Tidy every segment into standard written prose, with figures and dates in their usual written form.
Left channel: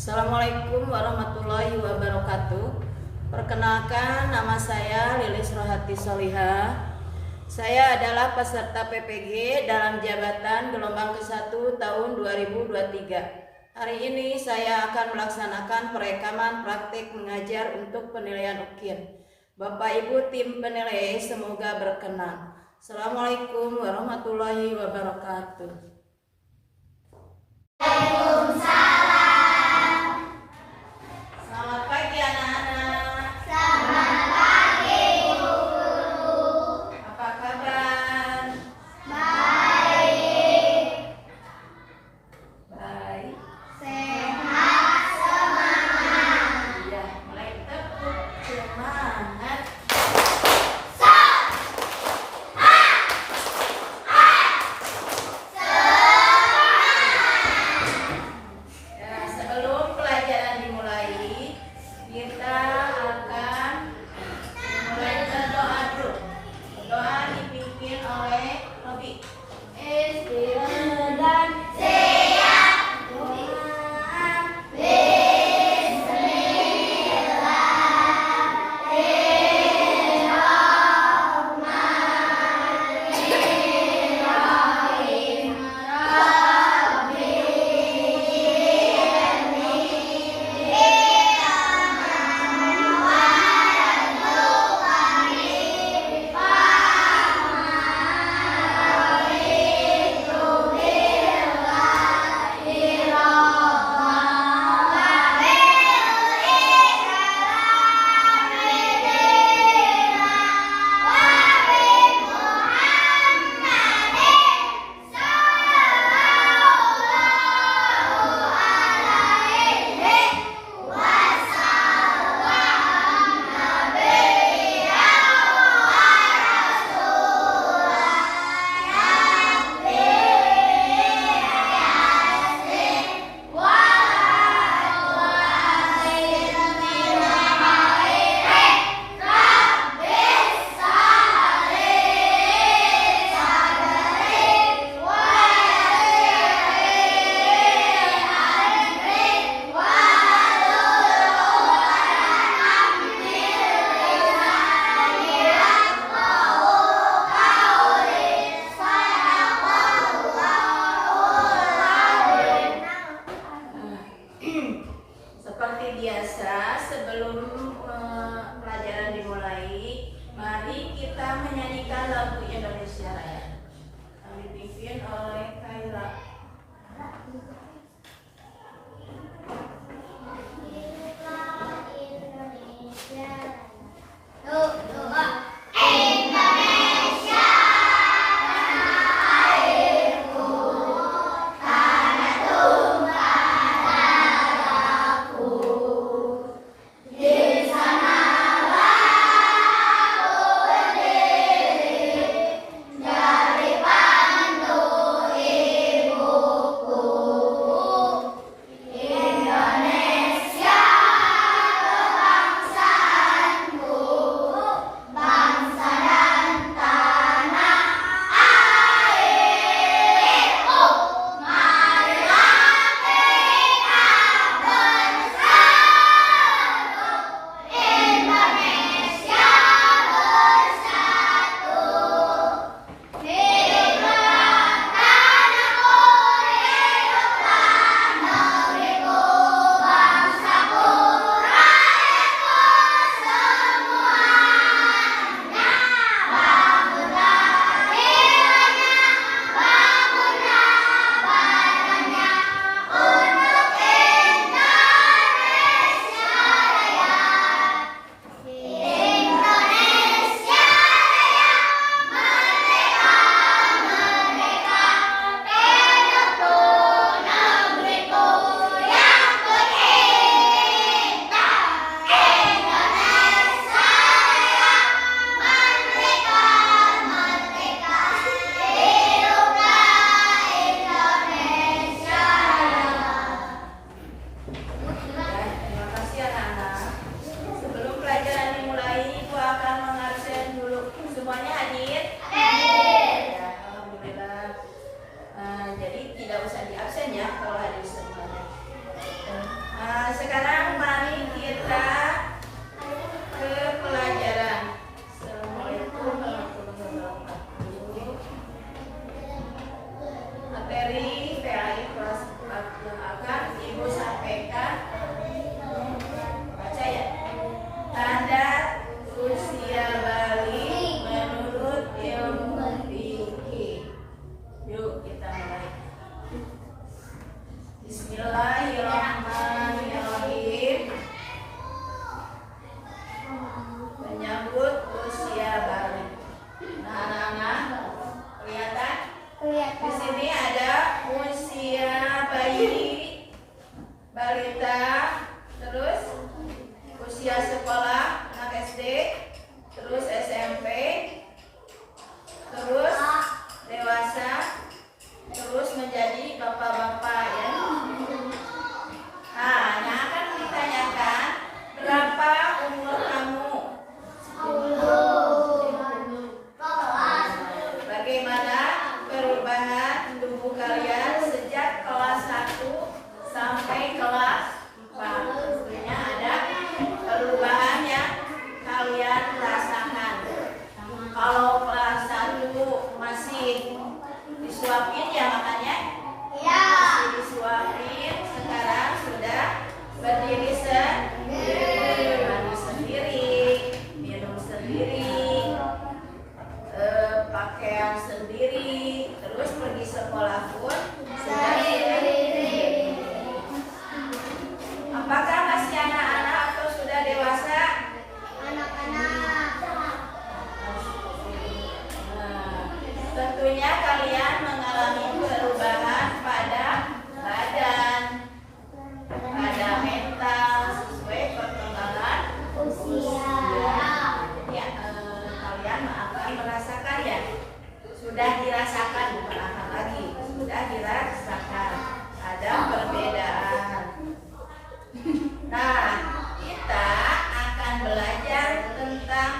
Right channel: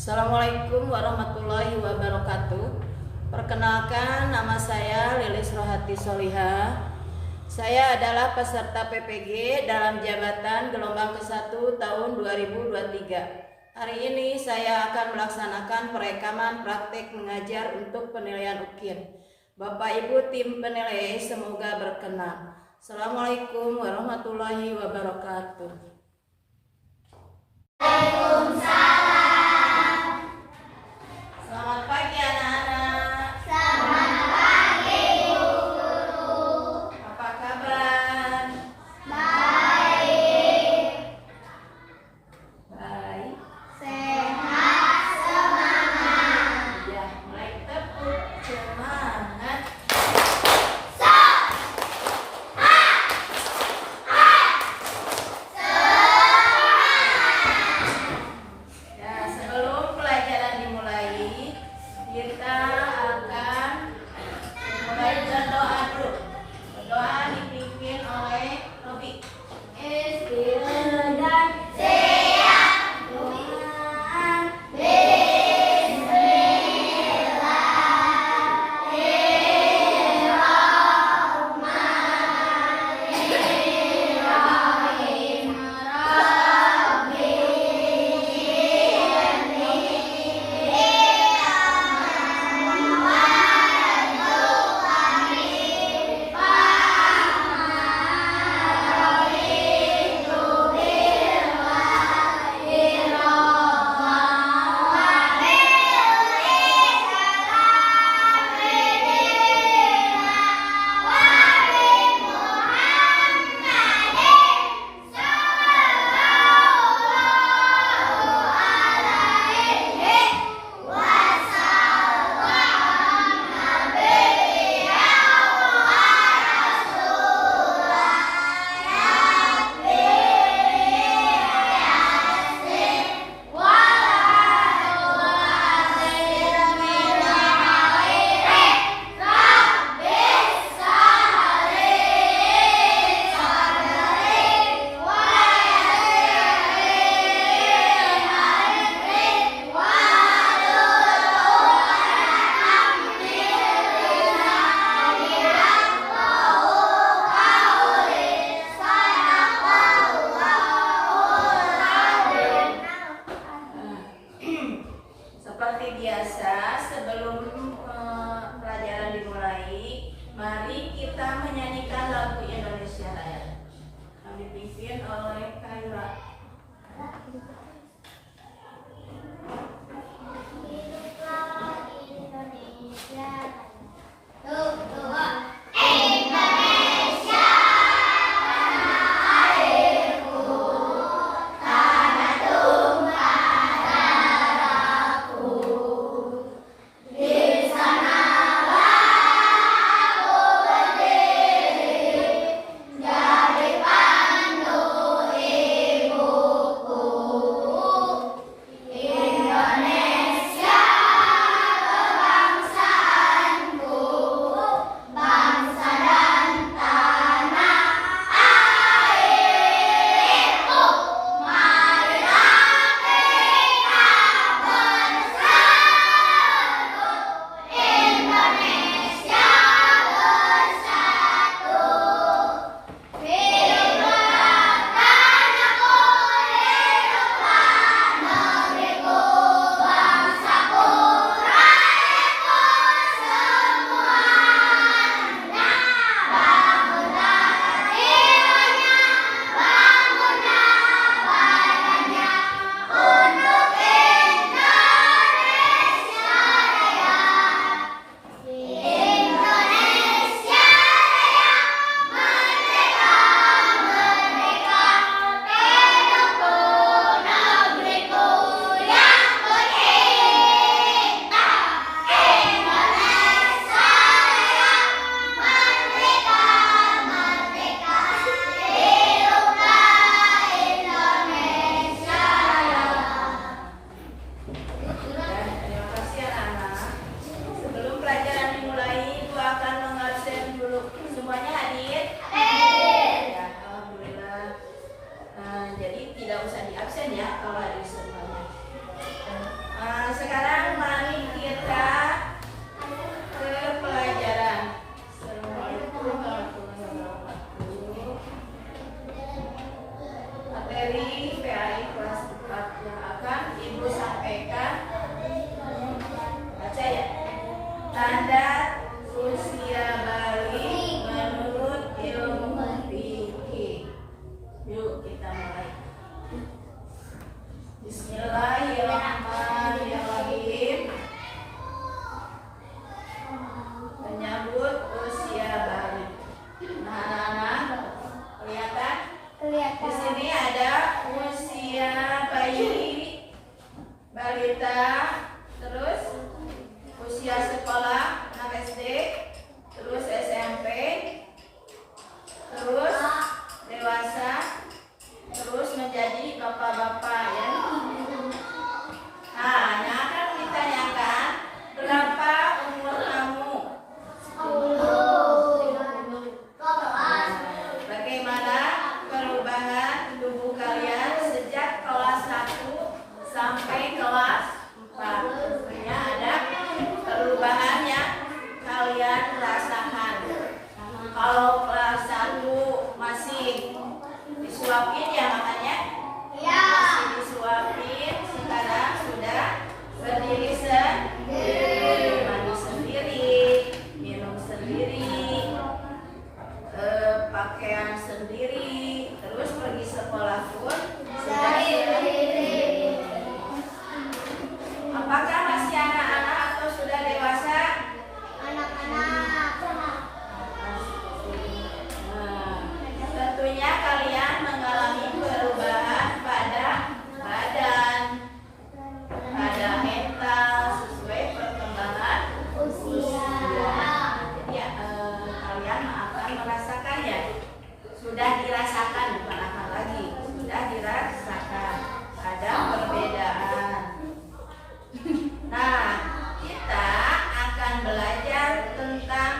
Assalamualaikum warahmatullahi wabarakatuh. Perkenalkan, nama saya Lilis Rohati Solihah. Saya adalah peserta PPG dalam jabatan gelombang ke-1 tahun 2023. Hari ini saya akan melaksanakan perekaman praktik mengajar untuk penilaian UKIN. Bapak Ibu tim penilai semoga berkenan. Assalamualaikum warahmatullahi wabarakatuh. Selamat pagi anak-anak. Selamat pagi, Bu Guru. Apa kabar? Baik. Baik. Sehat, semangat. Ya, mulai tepuk semangat. Semangat. Bismillahirrahmanirrahim. Menyambut usia balik. Nah, anak-anak, kelihatan? Kelihatan. Di sini ada usia bayi, balita, terus usia sekolah, anak SD, terus SMP, terus dewasa, terus menjadi bapak-bapak ya. Nah, akan ditanyakan berapa umur kamu? 10. Bagaimana perubahan tubuh kalian sejak kelas 1 sampai kelas 4? Tentunya ada perubahan yang kalian rasakan. Kalau kelas 1 masih disuapin ya makanya? Ya. Masih disuapin, sekarang sudah berdiri sendiri, mandi sendiri, minum sendiri, pakaian sendiri, terus pergi sekolah pun sudah sendiri. Apakah masih anak-anak atau sudah dewasa? Anak-anak. Nah, tentunya kalian mengalami perubahan pada badan, pada mental sesuai perkembangan Usia. Jadi kalian akan merasakan ya, sudah dirasakan bukan akan lagi, sudah dirasakan ada perbedaan. Nah, kita akan belajar tentang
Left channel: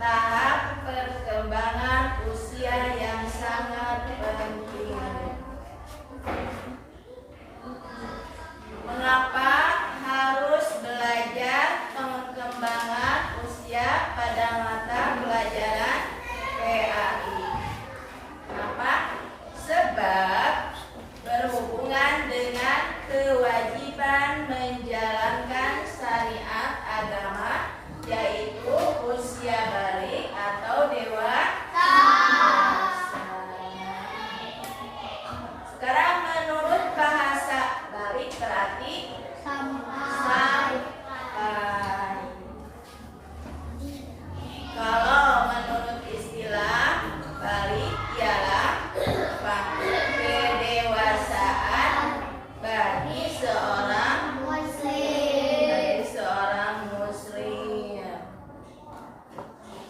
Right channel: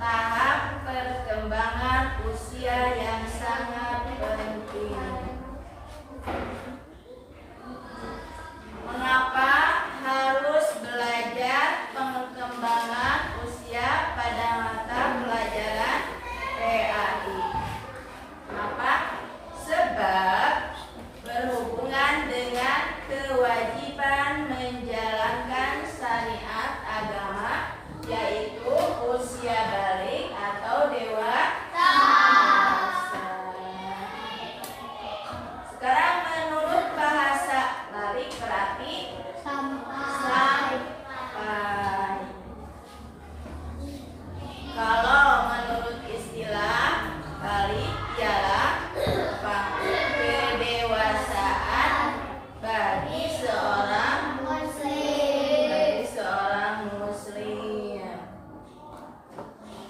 tahap perkembangan usia yang sangat penting. Mengapa harus belajar pengembangan usia pada mata pelajaran PAI? Kenapa? Sebab berhubungan dengan kewajiban menjalankan syariat agama, yaitu usia balik atau dewasa. Sekarang menurut bahasa balik berarti sampai. Kalau menurut istilah balik ialah kedewasaan bagi seorang muslim.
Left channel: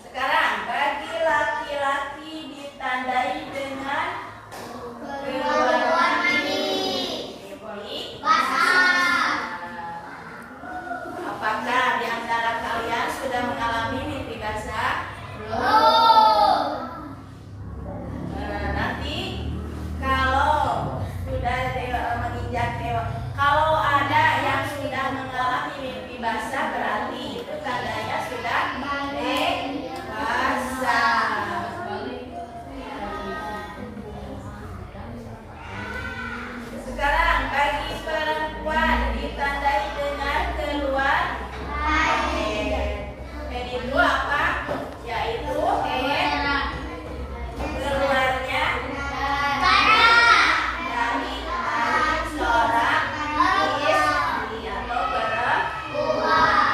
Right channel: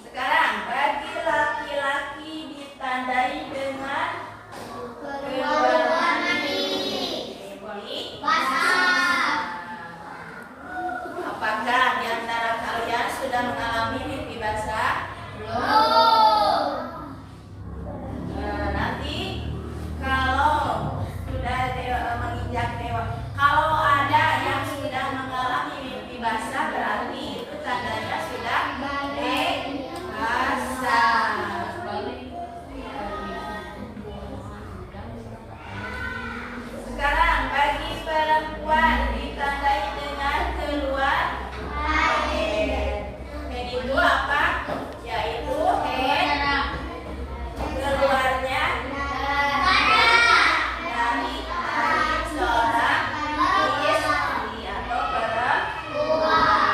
Sekarang bagi laki-laki ditandai dengan keluar mimpi Basah. Apakah di antara kalian sudah mengalami mimpi basah? Belum. Nanti kalau sudah menginjak dewa, kalau ada yang sudah mengalami mimpi basah berarti itu tandanya sudah dewasa. Sekarang bagi perempuan ditandai dengan keluar head. Head itu apa? Yaitu head keluarnya dari seorang istri atau perempuan.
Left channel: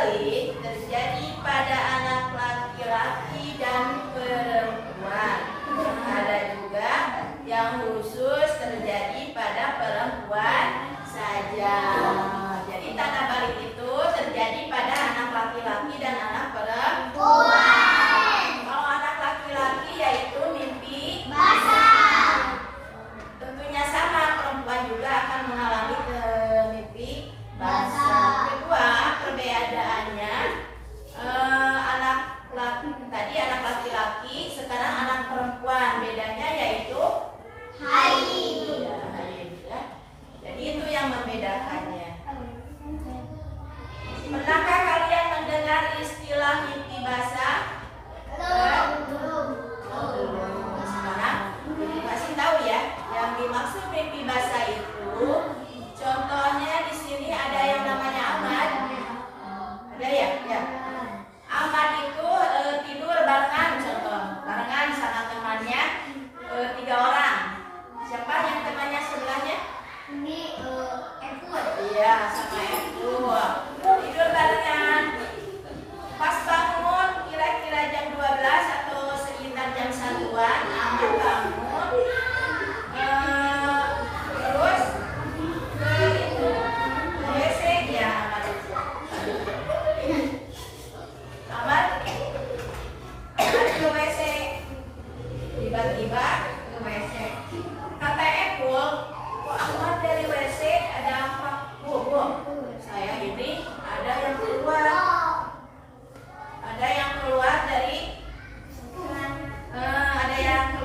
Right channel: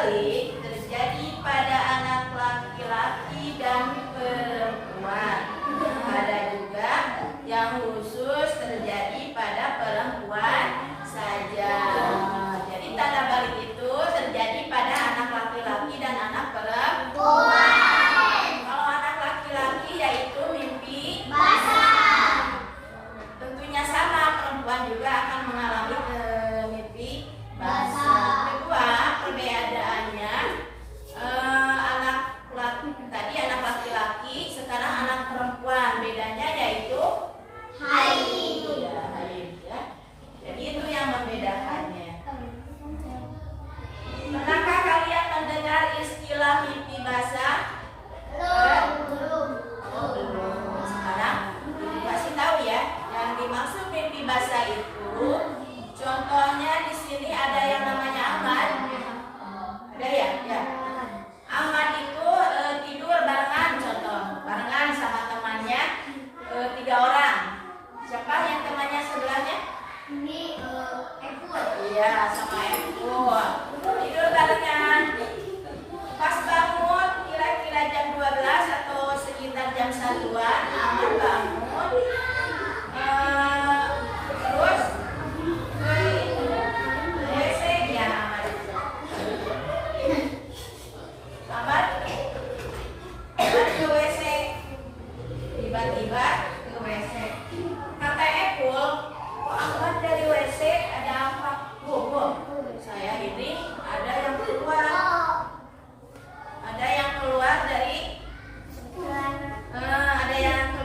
balik terjadi pada anak laki-laki dan perempuan. Ada juga yang khusus terjadi pada perempuan saja. Jadi tanda balik itu terjadi pada anak laki-laki dan anak perempuan. Kalau anak laki-laki yaitu mimpi basah. tentunya sama, perempuan juga akan mengalami mimpi basah. Kedua, perbedaannya anak laki-laki, sekarang anak perempuan, bedanya yaitu Haid. ya, haid ya. Jadi itu yang membedakannya. Pernahkah kalian mendengar istilah mimpi basah? Belum. Oh, belum. Sekarang masih tahu ya, yang dimaksud mimpi basah itu contohnya di sini ada yang namanya Ahmad. Ada ya? Ya. Ahmad itu tidur barengan, contoh barengan sama temannya 3 orang. Siapa yang temannya sebelahnya? Ini Epul. Iya, sama Eko. Tidur barengan. Pas bangun kira-kira jam 12 atau sekitar jam 1-an, Ahmad bangun. Terus ke itu WC ya Ahmad. Ahmad ke WC. Tiba-tiba ke WC. Kata Epul, kok Ahmad dari WC ada apa? Saya ini ada yang keluar. Ada yang keluar dari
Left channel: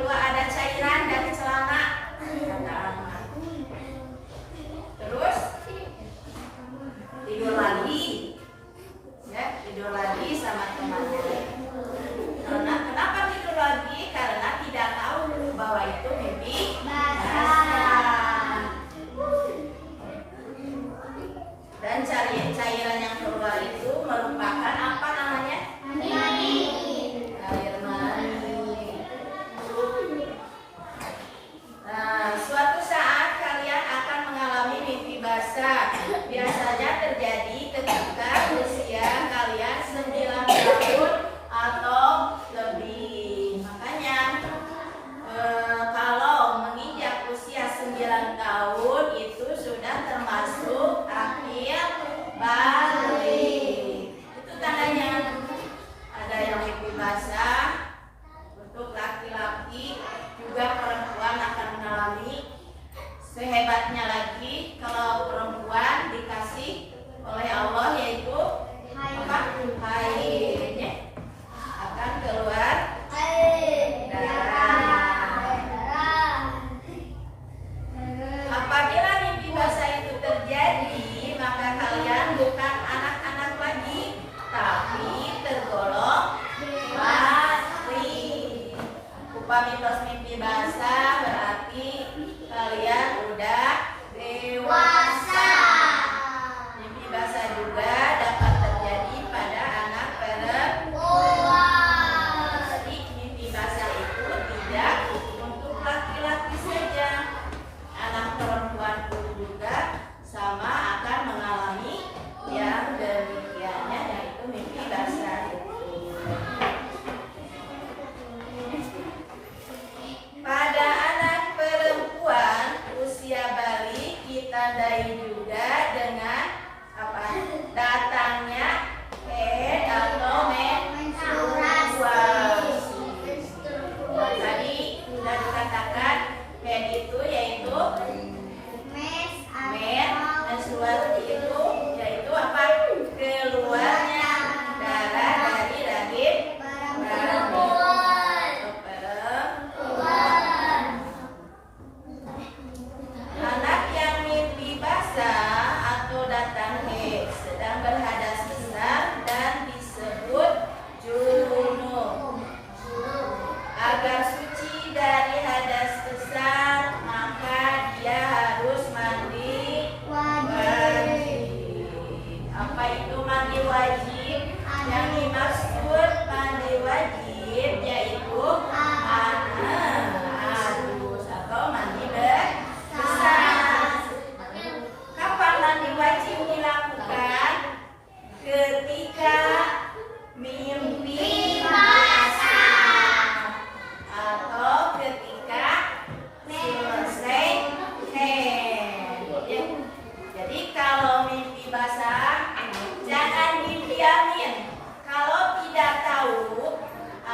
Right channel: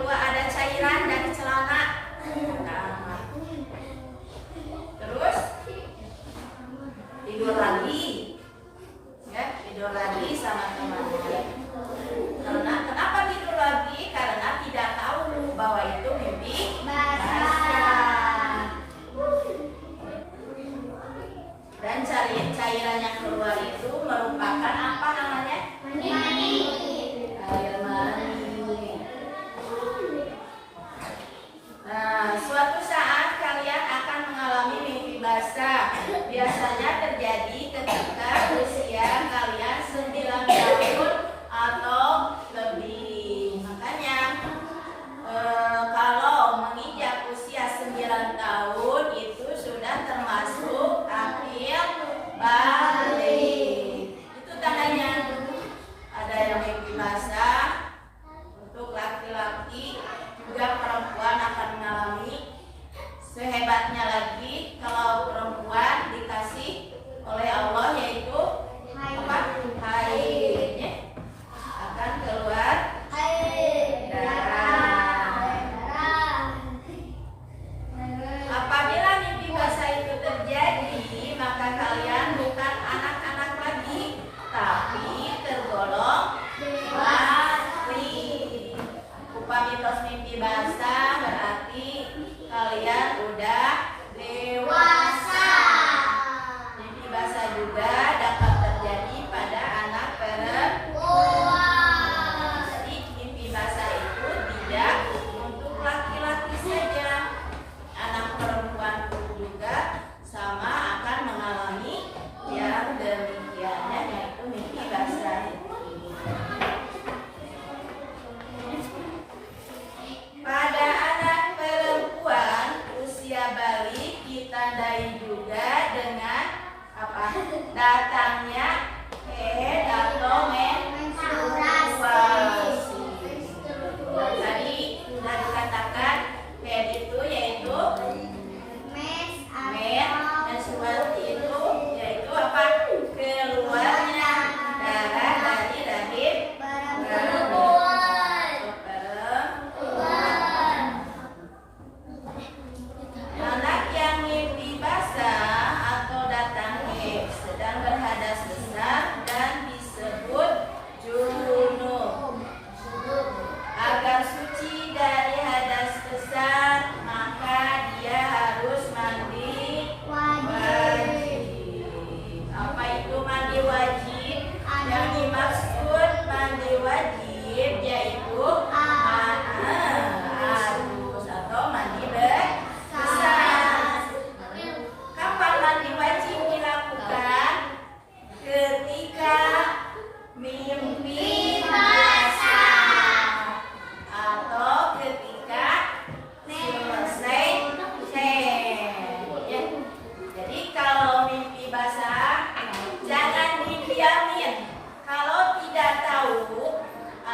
ada cairan dari celana, kata Ahmad. Terus tidur lagi, ya tidur lagi sama temannya. Kenapa tidur lagi? Karena tidak tahu bahwa itu mimpi basah. Dan cairan yang keluar itu merupakan apa namanya? Air mani. Nah, suatu saat kalian akan mengalami mimpi basah. Biasanya terjadi ketika usia kalian 9 tahun atau lebih. Makanya kalau menginjak usia 9 tahun itu sudah termasuk akhir balik. Itu tandanya. Ada yang mimpi basah untuk laki-laki, juga perempuan akan mengalami. Sehebatnya lagi kalau perempuan dikasih oleh Allah yaitu apa? Haid, akan keluar darah. Apabila mimpi basah itu terjadi, maka kalian bukan anak-anak lagi, tapi tergolong mati. Upah mitos mimpi basah berarti kalian udah dewasa. Mimpi basah juga dapat terjadi pada anak perempuan. Jadi mimpi basah itu tidak untuk laki-laki saja. Anak perempuan pun juga sama akan mengalami yang demikiannya, yaitu mimpi basah itu. Pada anak perempuan usia balik ditandai juga dengan apa? Datangnya haid atau menstruasi. Tadi sudah dikatakan haid itu yaitu menstruasi itu yaitu apa? Keluarnya darah dari rahim perempuan. Anak yang mimpi basah atau datang haid sedang berhadas besar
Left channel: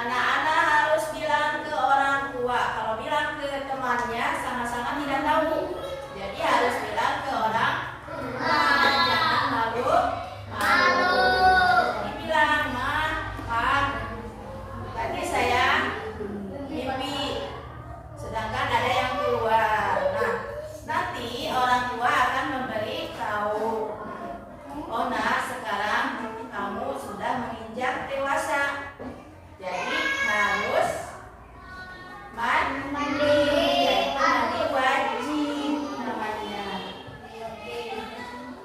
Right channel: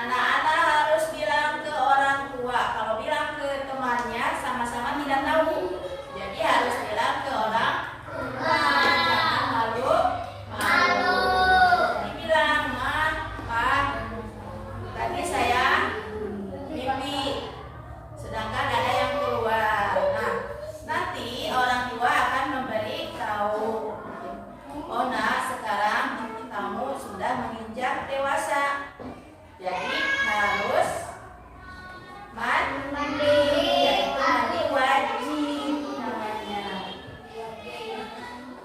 Anak-anak harus bilang ke orang tua. Kalau bilang ke temannya sama-sama tidak tahu. Jadi harus bilang ke orang tua. Jangan malu. Dibilang, Ma, Pak, tadi saya mimpi. Sedangkan ada yang keluar. Nah, nanti orang tua akan memberi tahu. Oh, nah, sekarang kamu sudah menginjak dewasa. Jadi harus mandi. Yaitu mandi wajib namanya.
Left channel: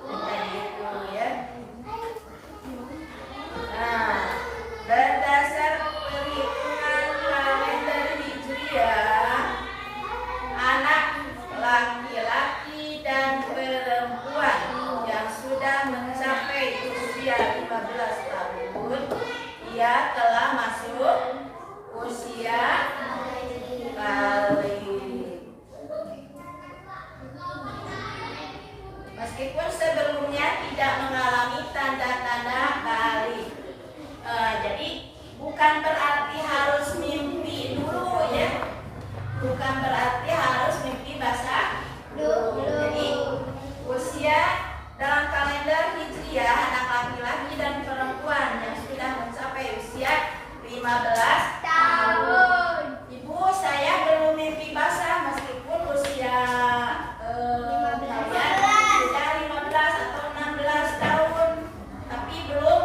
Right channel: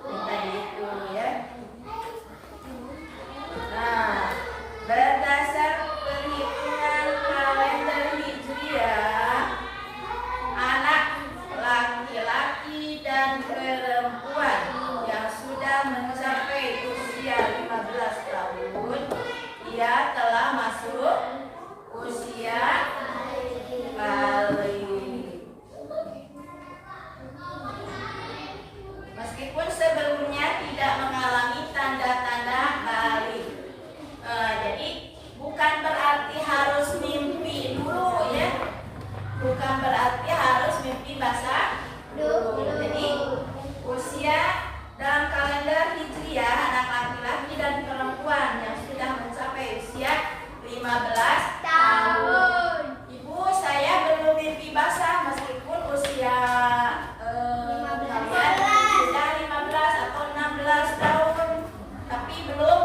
Tadi itu ya. Nah, berdasar perhitungan kalender Hijriah, anak laki-laki dan perempuan yang sudah mencapai usia 15 tahun, ia telah masuk usia balik. Meskipun sebelumnya tidak mengalami tanda-tanda balik. Jadi bukan berarti harus mimpi dulu ya. Bukan berarti harus mimpi basah dulu. Jadi usia dalam kalender Hijriah anak laki-laki dan perempuan yang sudah mencapai usia 15 tahun. Ibu, saya belum mimpi basah meskipun usia kalian sudah 15 atau 16 tahun, tapi belum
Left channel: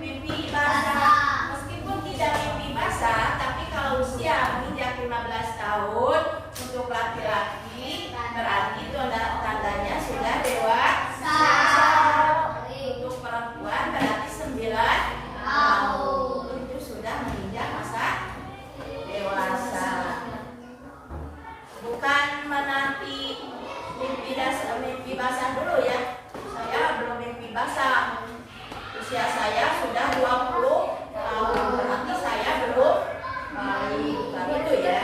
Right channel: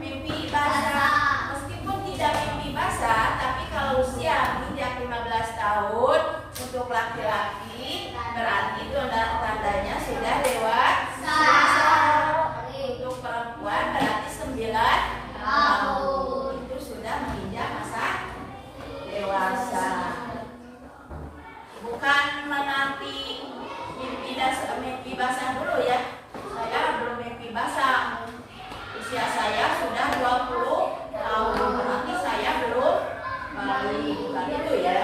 mimpi basah. Meskipun tidak mimpi basah, tapi kalau usia menginjak 15 tahun untuk laki-laki berarti itu tandanya sudah dewasa. Untuk perempuan berarti 9 tahun. Itu sudah menginjak masa dewasa. Bukan menanti mimpi basah dulu ya. Saya belum mimpi basah. Usia saya sudah 20 tahun. Berarti saya belum balik. Bukan itu ya.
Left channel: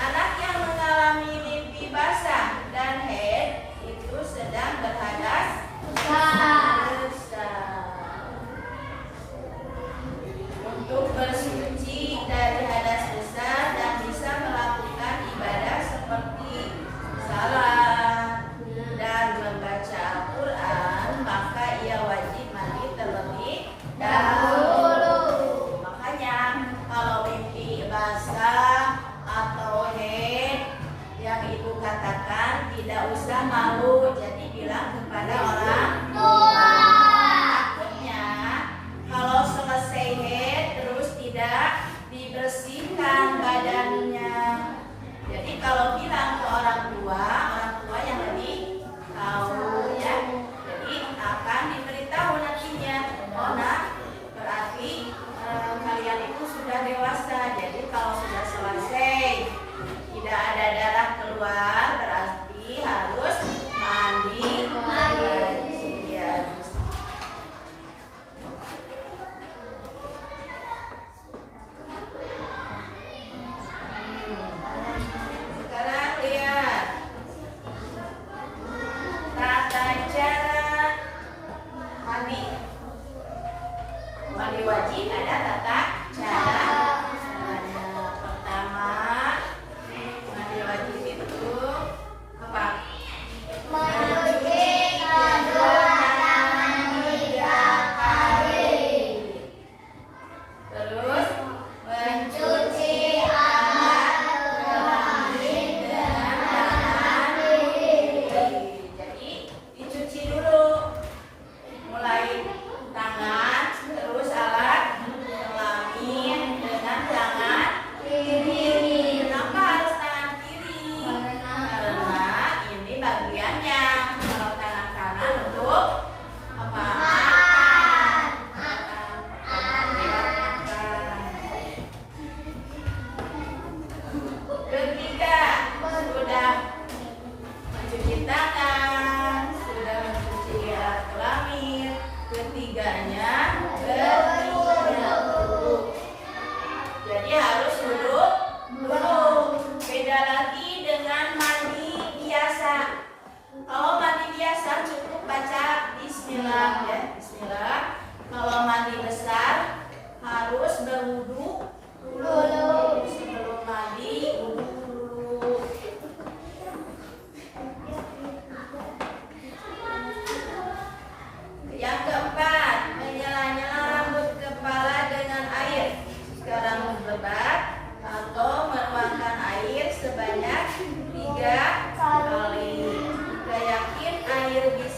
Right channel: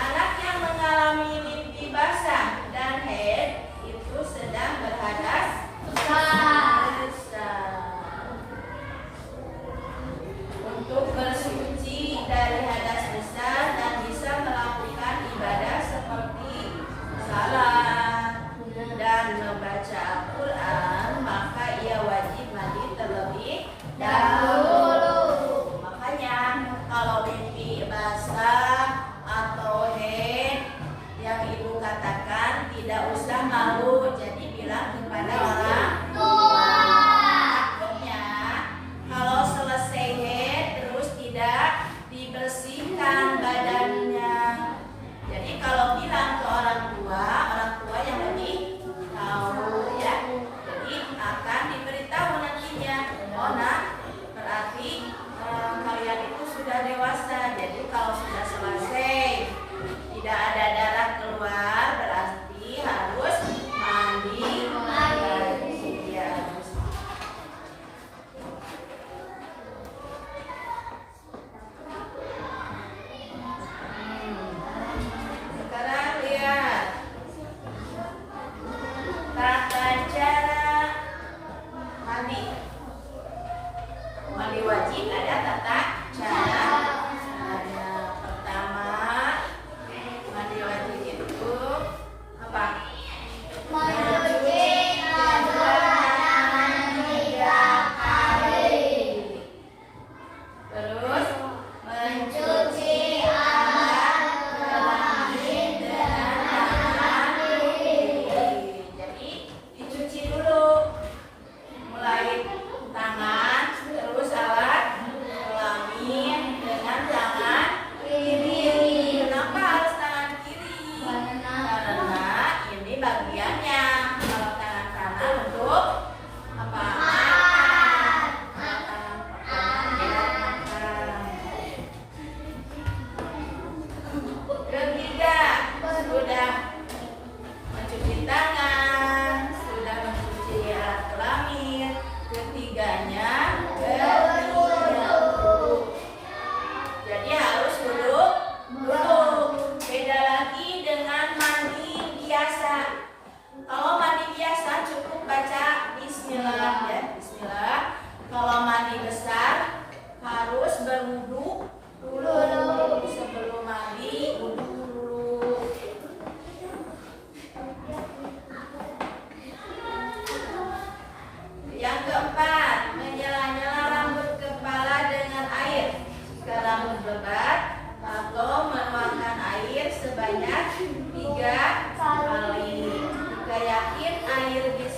Anak yang mengalami mimpi basah dan haid itu sedang berhadas besar. Untuk bersuci dari hadas besar dan bisa melakukan ibadah seperti salat dan membaca Al-Quran,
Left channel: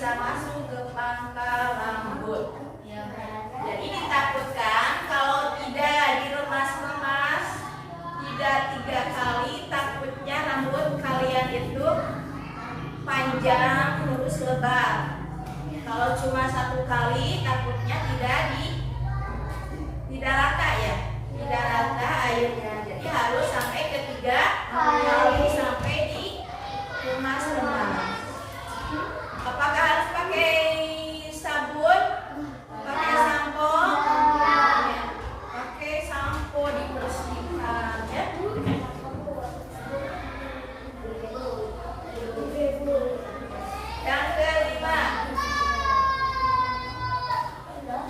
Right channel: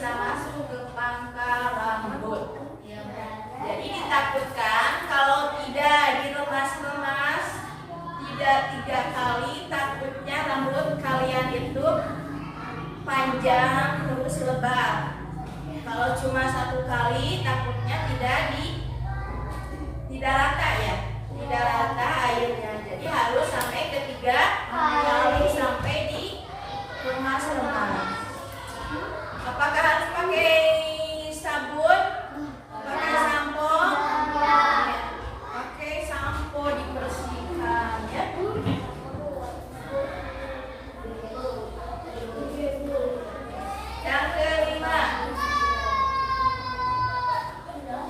bisa masuk ke pangkal rambut. Jadi ditakutkan kalau tidak diremas-remas tidak 3 kali, takutnya rambut kalian itu panjang terus lebar. Kalau cuma 1 kali takutnya tidak rata ya, tidak rata airnya. Jadi harus sampai ke 3 kali sampai diremas-remas. Apakah harus pakai sabun? Pakai sampo? Ya. Pakai sampo dibersihkan ya. Yang kelima,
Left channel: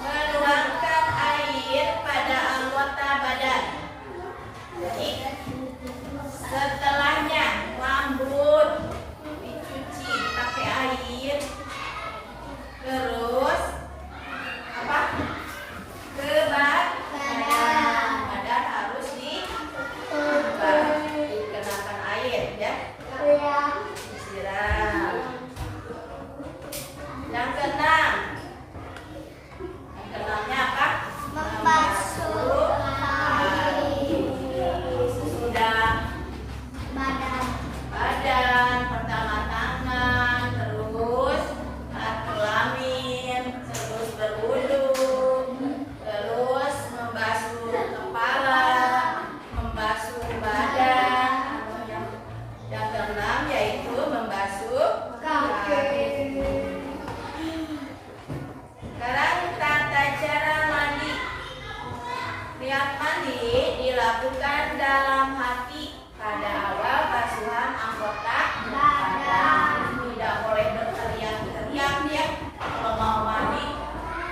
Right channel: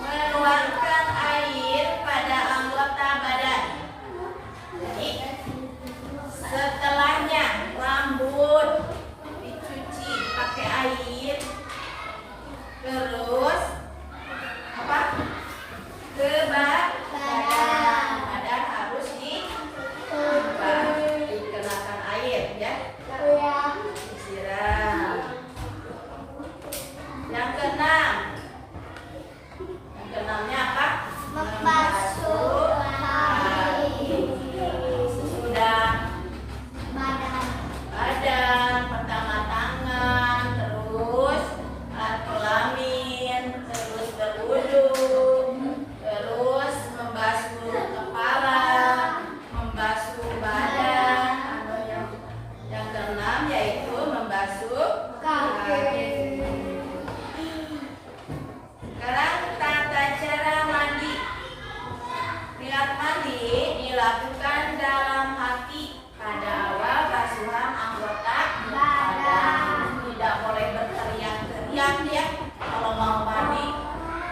menuangkan air pada anggota badan. Jadi setelahnya rambut dicuci pakai air, terus apa? Ke badan harus dikenakan air ya. Disiram. Yang keenamnya apa? Membasuh kaki. Sesudah badan, pertama tangan, terus alat kelamin, terus berwudu, terus membasuh kepala, membasuh badan, atau yang keenam yaitu membasuh kaki. Sekarang tata cara mandi. Niat mandi dilakukan dalam hati pada awal basuhan anggota badan. Tidak boleh berteriak-teriak ya. Kalau mau mandi,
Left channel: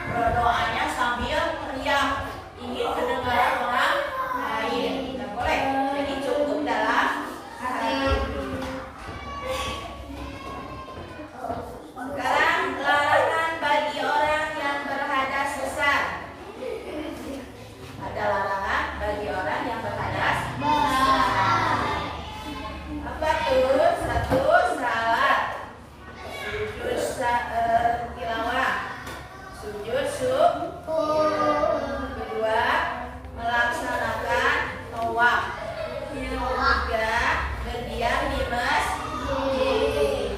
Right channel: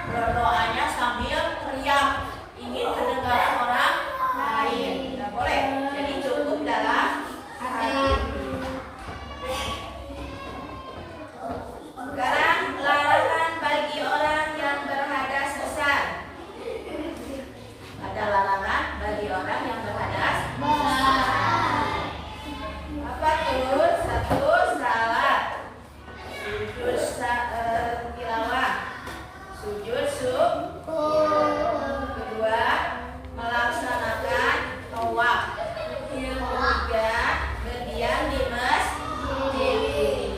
berdoanya sambil teriak, ingin kedengaran orang lain. Tidak boleh. Jadi cukup dalam hati. Sekarang larangan bagi orang yang berhadas besar. Ada larangan bagi orang yang berhadas besar. Apa tuh? 1, salat, sujud tilawah, sujud syukur. 2, melaksanakan tawaf. 3, berdiam di masjid.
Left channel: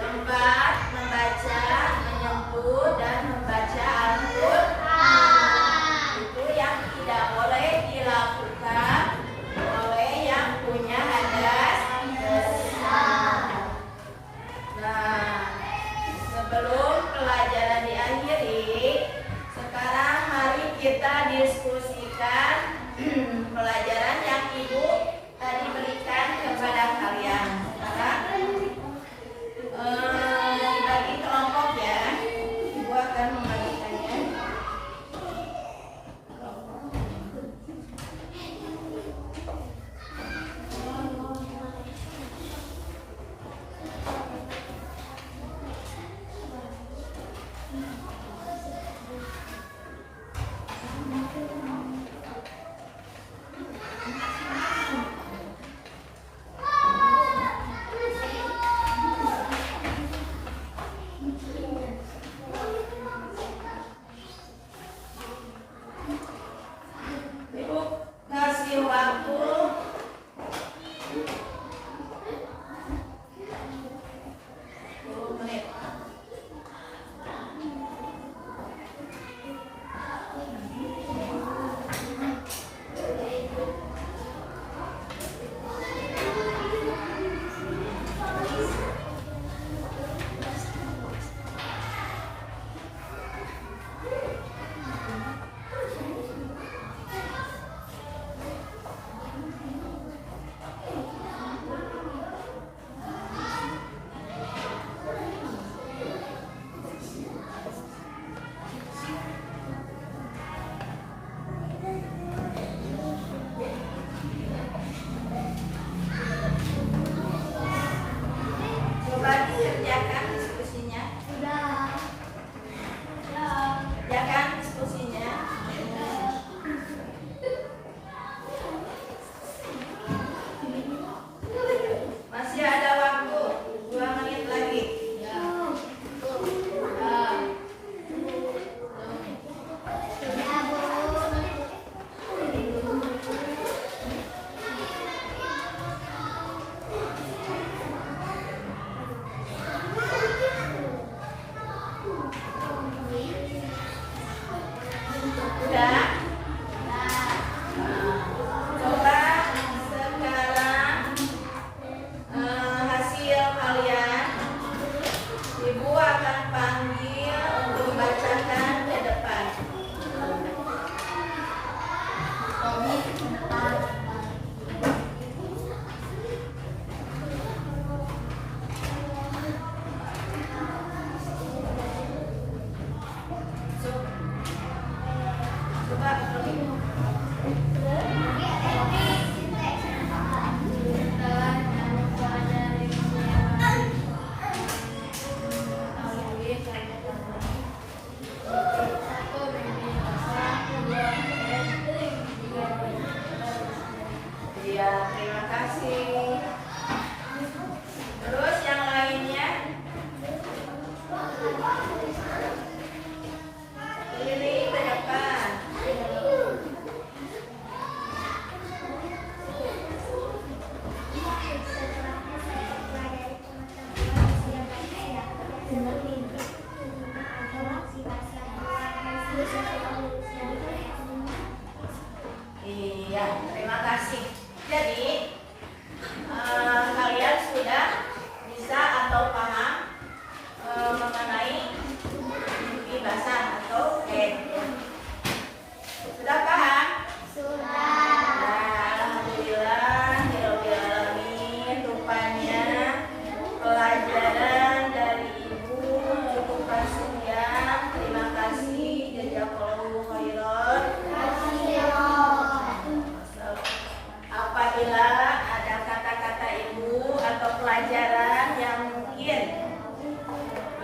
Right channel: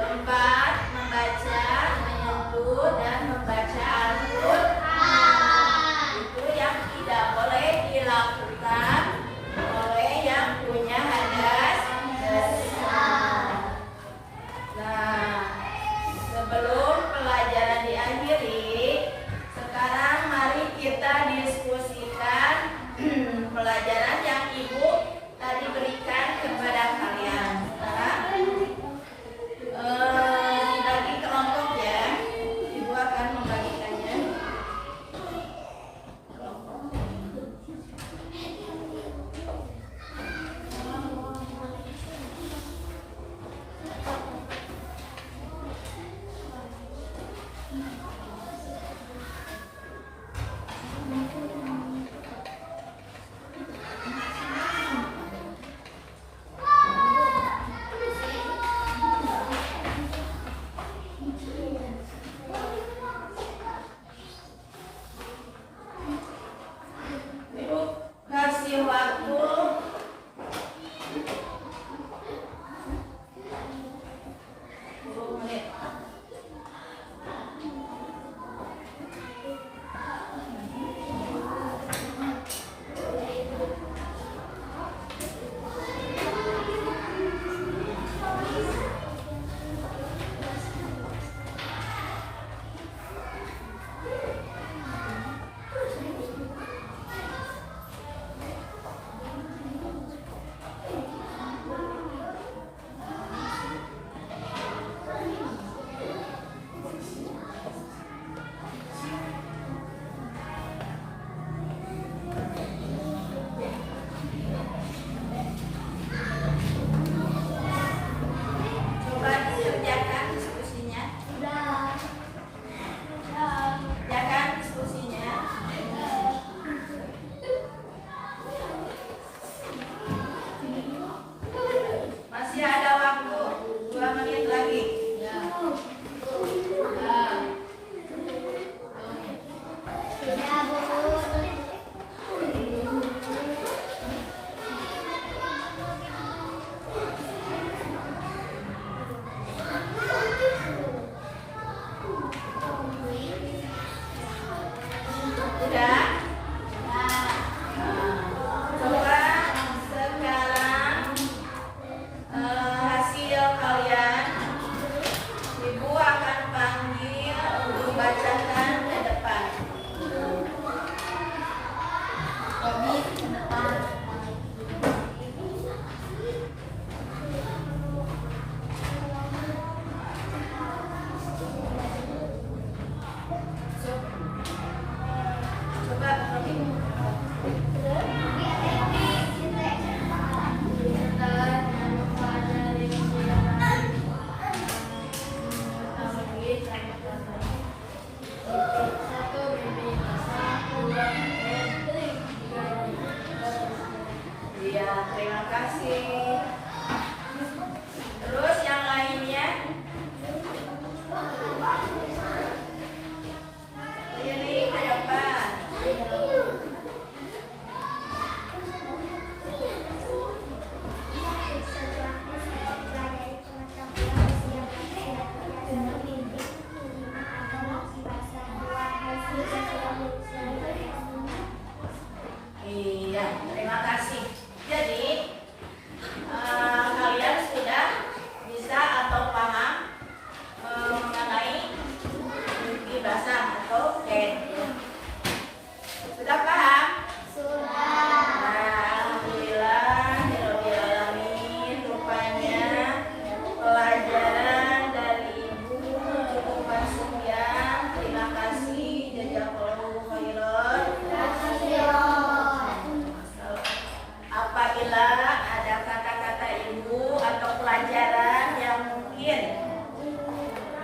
4, membaca, menyentuh dan membaca Al-Quran. Itu yang tidak boleh dilakukan oleh yang punya hadas besar. Nah, sebelum pelajaran diakhiri, sekarang mari kita diskusikan pelajaran yang Ibu tadi berikan kepada kalian. Sekarang dibagi kelompok ya. Ibu akan membagikannya.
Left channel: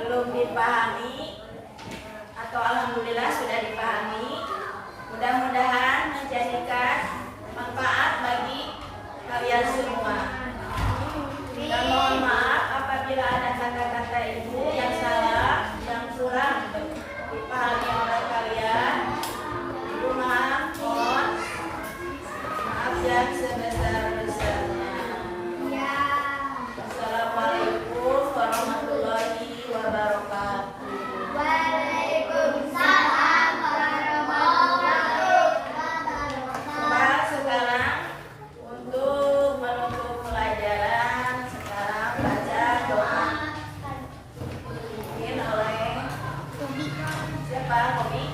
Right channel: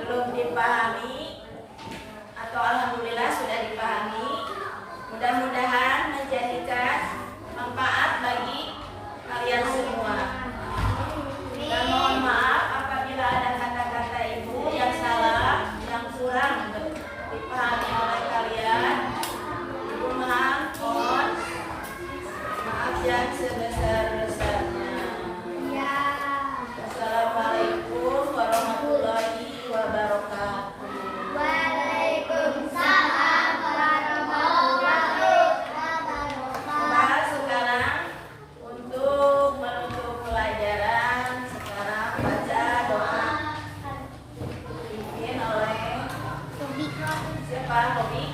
belum dipahami atau alhamdulillah sudah dipahami. Mudah-mudahan menjadikan manfaat bagi kalian semua. Dan mohon maaf apabila ada kata-kata ibu yang salah, yang kurang dipahami oleh kalian. Ibu mohon maaf yang sebesar-besarnya. Assalamualaikum warahmatullahi wabarakatuh. Waalaikumsalam warahmatullahi wabarakatuh. Sekarang untuk menutup pelajaran, sekarang baca doa dipimpin oleh siapa? Robi?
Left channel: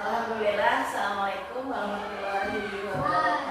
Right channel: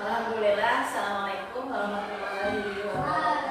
Alhamdulillah. Assalamualaikum warahmatullahi wabarakatuh.